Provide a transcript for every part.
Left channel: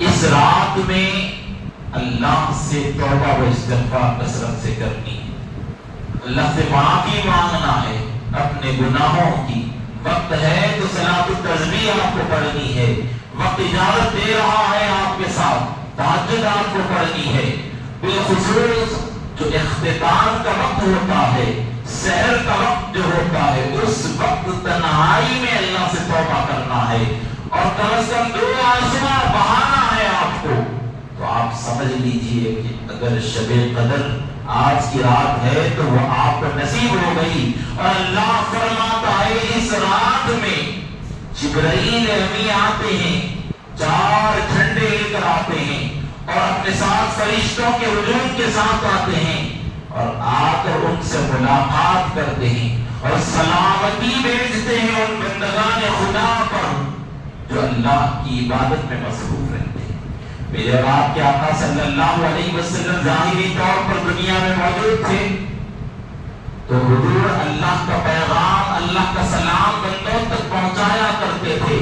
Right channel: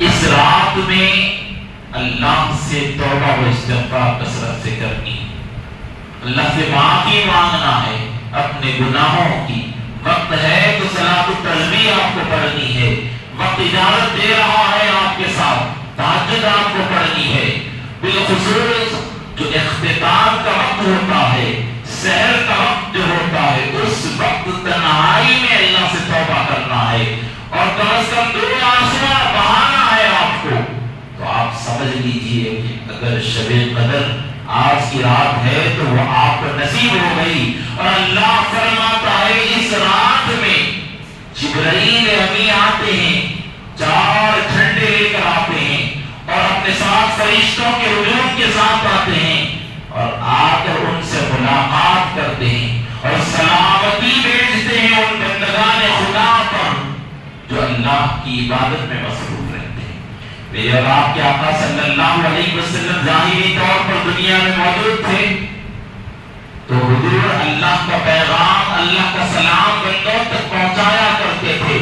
اس رات میں اللہ سے توبہ و استغفار کثرت سے کرنی، اللہ سے معافی مانگنا ہے اپنے گناہوں کی۔ وقت ہے تو صلاۃ التسبیح آپ کو پڑھنی ہے، وقت اجازت دے رہا ہے آپ کے ساتھ تہجد آپ کو پڑھنی ہے۔ بالخصوص جو اختتام کا وقت ہوتا ہے، سحر کا وقت جو ہوتا ہے، اس وقت تنہائی میں اللہ سے توبہ کرنا ہے، اور کم از کم 2 آنسو بہانا ہے آپ کو۔ تو آپ سمجھ لیجئے کہ اگر شب قدر آج کی رات ہے تو وہ آپ کو نصیب ہو گئی، اور اللہ فرماتا ہے اس رات میں جبرائیل امین آتے ہیں، 4 جھنڈے لے کر آتے ہیں، اور اپنے ساتھ فرشتوں کے ہجوم کے ساتھ آتے ہیں، اور آ کر ان سے ملاقات کرتے ہیں اور سلامتی بھیجتے ہیں ان بندگان خدا پر جو اللہ کی عبادت میں مصروف رہتے ہیں۔ میرے اور آپ کے آقا صلی اللہ علیہ وسلم ظاہری طور پر دنیا میں موجود تھے، تو حضور اللہ کا پیغام، اللہ کا سلام بندوں تک پہنچایا کرتے تھے۔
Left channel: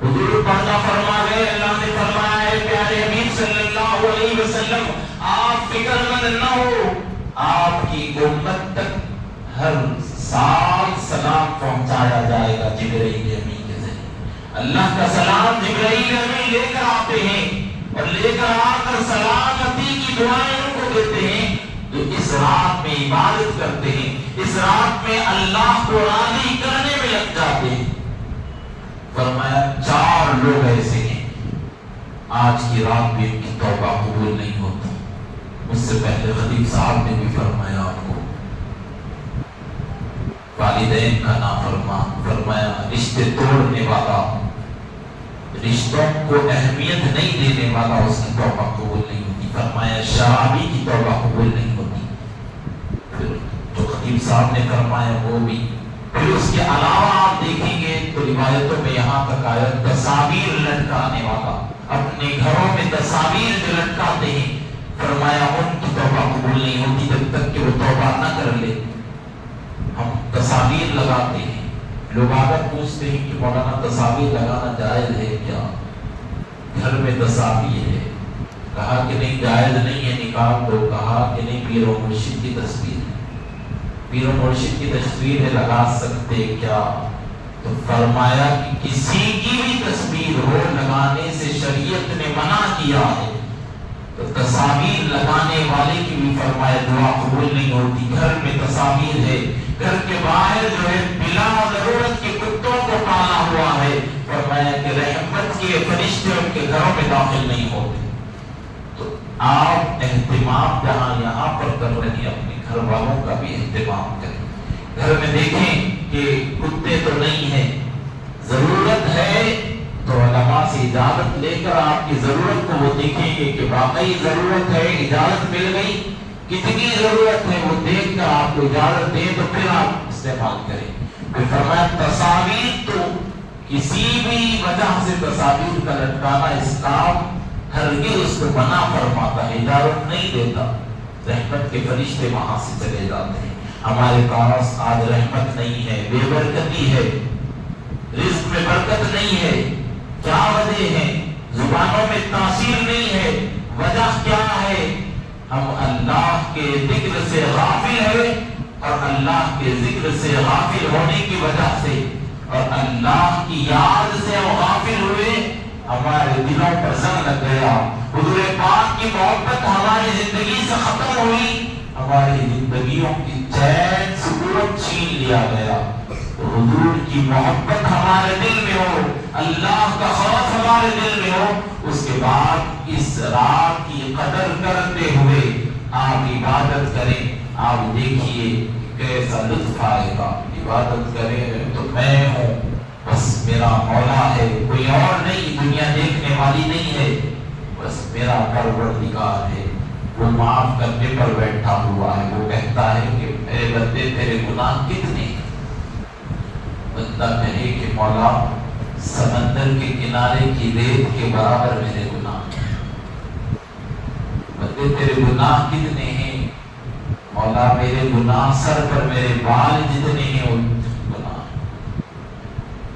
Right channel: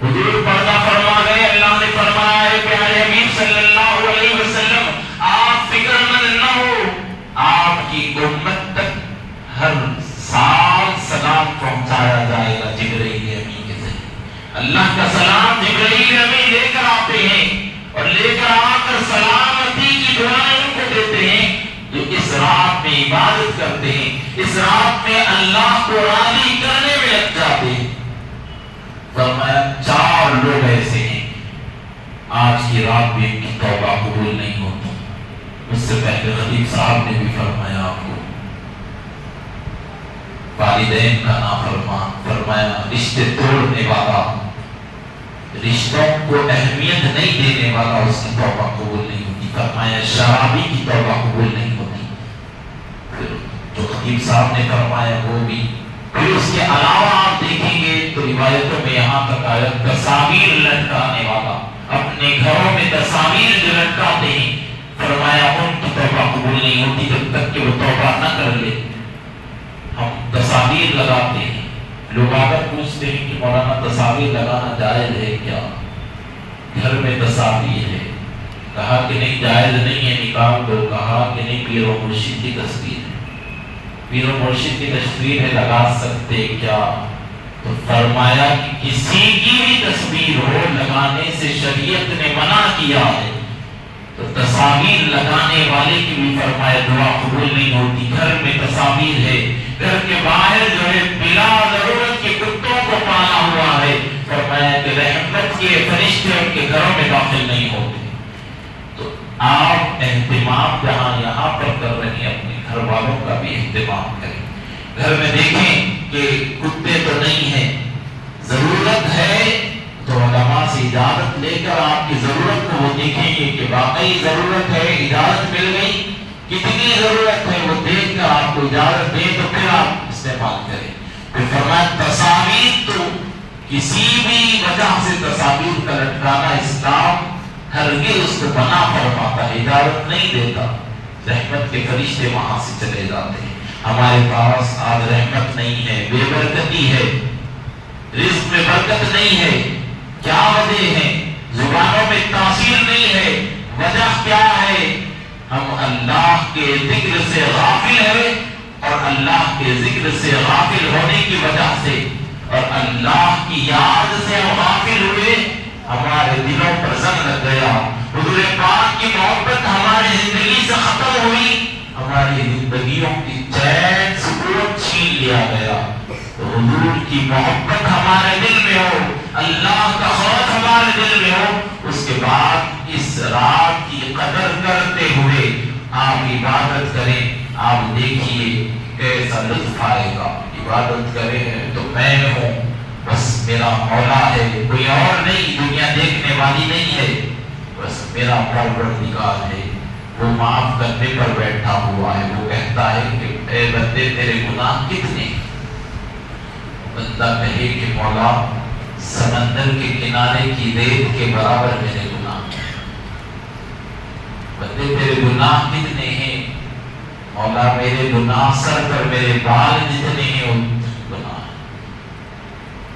حضور پردہ فرما گئے، اللہ نے فرمایا ہے پیارے حبیب صلی اللہ علیہ وسلم آپ فکر مند نہ ہو، آپ کی امت تک ہر سال سلام پہنچایا جائے گا جبرائیل امین کے ذریعے۔ اللہ کا سلام جبرائیل امین لے کر آتے ہیں، اور لے کر آ کر سلامتی کی دعائیں ان کو دیتے ہیں جو اس رات میں عبادت کرتے ہیں، اس رات میں اللہ کو راضی کرنے میں لگ جاتے ہیں۔ فرمایا 4 لوگ ایسے ہیں آج کی رات بھی ان کی توبہ قبول نہیں ہوتی۔ اس سے پہلے خطیب صاحب نے بھی فرمایا آپ کو والدین کا نافرمان، فرمایا رشتے توڑنے والا، رشتوں کو اہمیت نہیں دینے والا، اس کی توبہ قبول نہیں ہوتی۔ فرمایا شرابی کی توبہ قبول نہیں ہوتی۔ پھر جو خطیب صاحب نے فرمایا وہ بھی، پھر اس کے علاوہ آپ دیکھیں گے تو روایتوں میں یہاں تک آیا تصاویر لٹکانے والا، اپنے گھروں میں تصاویر جو لٹکاتے ہیں، فرمایا ان کی توبہ قبول نہیں ہوتی جب تک کہ وہ توبہ نہ کر لے۔ ہم تصاویر لگاتے ہیں، لوگ آگر پوچھتے ہیں کہ مولانا تصاویر لگانا جائز ہے کیا؟ گھر میں تصاویر ہے، کہا کہ نہیں جائز نہیں ہے، نکال دو، کہا کہ نہیں پیر و مرشد کی تصویر ہے، پیر و مرشد کی تصویر ہے لگا سکتے کیا؟ تو فرمایا کہ کسی کی بھی تصویر ہو لگانے سے شریعت نے منع کیا ہے، تو تصاویر لگانے والے کی بھی فرمایا دعا قبول نہیں ہوتی۔ گھر میں تصاویر ہے، گھر کے باہر جو ہے بلا ضرورت کے کتوں کو پالا ہوا ہے، فرمایا کہ رحمت کے فرشتے ان کے گھروں میں داخل نہیں ہوتے۔ تو آپ اہتمام جہاں یہاں پر کر رہے ہیں، اپنے گھر والوں کا بھی اہتمام کریں۔ گھر میں دیکھیں کہ کتے تو نہیں ہیں، ضرورت ہے تو علماء سے اجازت لے کر آپ کی ضرورت کو وہ دیکھیں گے کہ واقعی ضرورت ہے، اجازت مل گئی، کتنی ضرورت ہے وہ دیکھ کر آپ کو اجازت دیں تو پھر آپ استعمال کریں۔ پھر فرمایا تصاویر تو کسی بھی وجہ سے تصاویر کا لٹکانا اسلام ہرگز اس کو منع فرماتا ہے، اجازت نہیں دیتا۔ رحمت کے فرشتے وہاں سے چلے جاتے ہیں۔ ہمارے پاس آج رحمت نہیں ہے، بے برکتی ہے، رزق میں برکت نہیں ہے، کیا وجہ ہے؟ زبانوں میں تاثیر نہیں ہے، وجہ کیا ہے؟ ہم اللہ کے ذکر سے غافل ہیں، اور اللہ کے ذکر سے غافل ہونے کی وجہ سے اور اللہ کی یاد سے ہم غافل ہوئے، ہمارے دلوں پر زنگ لگ گیا، حضور پاک کی محبت ہماری زندگی سے ختم ہوئی، ہماری زندگیوں کی چین سکون چھین لیا گیا۔ تو حضور کی محبت ہمارے دل میں ہو، اللہ کا خوف ہمارے دل میں ہو، اس کے بعد اس رات کی قدر کرتے ہوئے آپ عبادت کریں۔ آپ دیکھیے کیسا لطف آئے گا۔ عبادت کریں تو میں ہوں، بس میرا مولا ہے، کوئی اور نہیں، دنیا دیکھنے والی نہیں ہے، بس میرا پروردگار ہے، وہ معاف کرنے پر بیٹھا ہوا ہے۔ وہ کہتا ہے کہ اے بندے تیرے گناہ کتنے؟ بندہ کہے کہ مولا سمندر کے کنارے کی ریت کے برابر میرے گناہ ہیں۔ بندے تیرے گناہ کتنے ہیں؟ مولا میرے گناہ سر پر میرے بال جتنے ہیں گناہ۔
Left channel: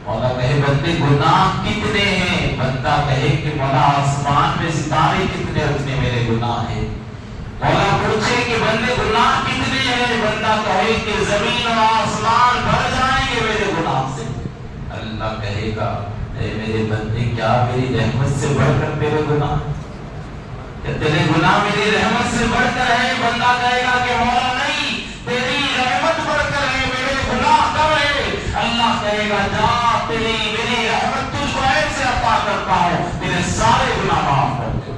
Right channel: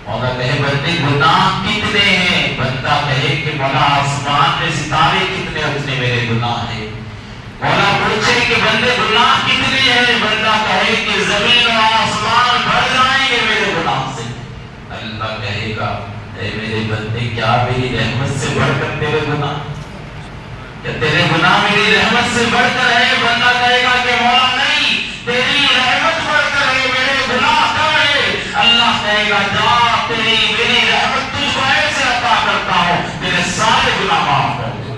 مولا کہے بندے گناہ کتنے ہیں؟ بندہ کہے کہ مولا آسمان میں ستارے کتنے اتنے میرے گناہ ہیں۔ مولا پوچھے کہ بندے گناہ کتنے ہیں؟ بندہ کہے کہ زمین و آسمان بھر جائیں گے میرے گناہ سے۔ اللہ کہے گا اے میرے بندے کیا میری رحمت سے بڑھ کر تیرے گناہ؟ کہ تیرے گناہ میری رحمت سے بڑھ کر ہے؟ بندہ کہے گا کہ مولا نہیں، تیری رحمت بڑھ کر ہے، میرے گناہ کم ہے۔ اللہ کہے گا جا، تیری میری رحمت تجھ کو ایسے عطا کرتا ہوں تیرے سارے گناہ معاف کر دے۔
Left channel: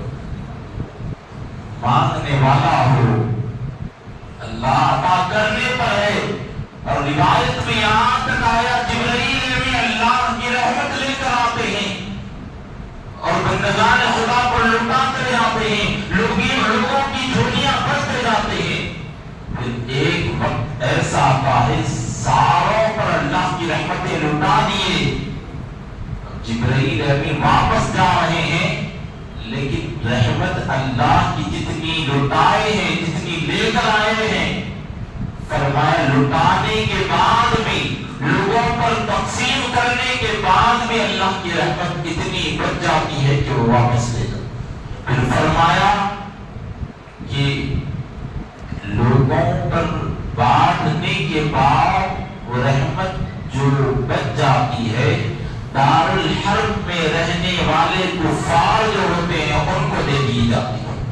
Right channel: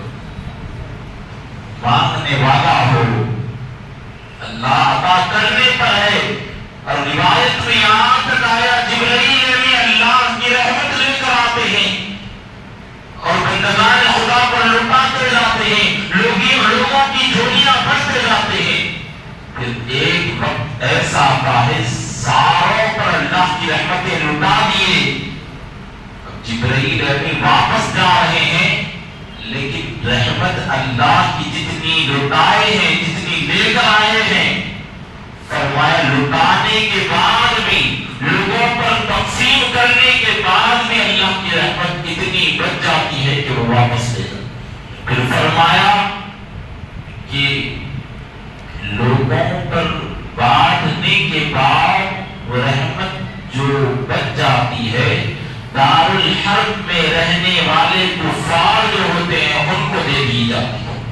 مانگنے والا ہو اللہ عطا کرنے پر ہے۔ اور روایت میں یہاں تک آیا جبرائیل میں اللہ کی رحمت لے کر آتے ہیں اور بندگان خدا پر لٹاتے جاتے ہیں، لوگوں کی جھولیاں بھرتے جاتے ہیں۔ پھر ایک وقت ایسا آتا ہے ساروں پر اللہ کی رحمتیں لٹا دیے۔ اب جبرائیل امین واپس جا رہے ہیں، لیکن رحمت اللہ کی جتنی لٹائے ہیں، جتنی لے کر آئے ہیں، فرمایا لٹانے کے بعد بھی، لوگوں پر تقسیم کرنے کے بعد بھی اللہ کی رحمت اتنی بچ جاتی ہے کہ وہ واپس لے جائے۔ پھر فرمایا کہ لوگوں پر بانٹنے کے بعد وہ رحمت جو بچ جاتی ہے، دار الحرب میں رہنے والے کفار جو ہوتے ہیں ان کو دے دی جاتی ہے،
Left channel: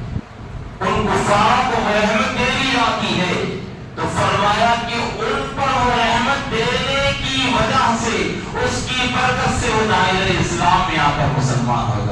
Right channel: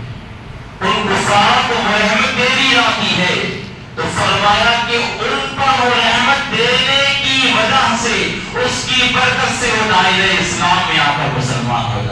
ان کفار کو رحمت دے دی جاتی ہے۔ تو فرمایا کہ ان پر وہ رحمت دینے کی وجہ سے، اس کی برکت سے وہ دائرہ اسلام میں آ کر مسلمان ہو جاتے ہیں۔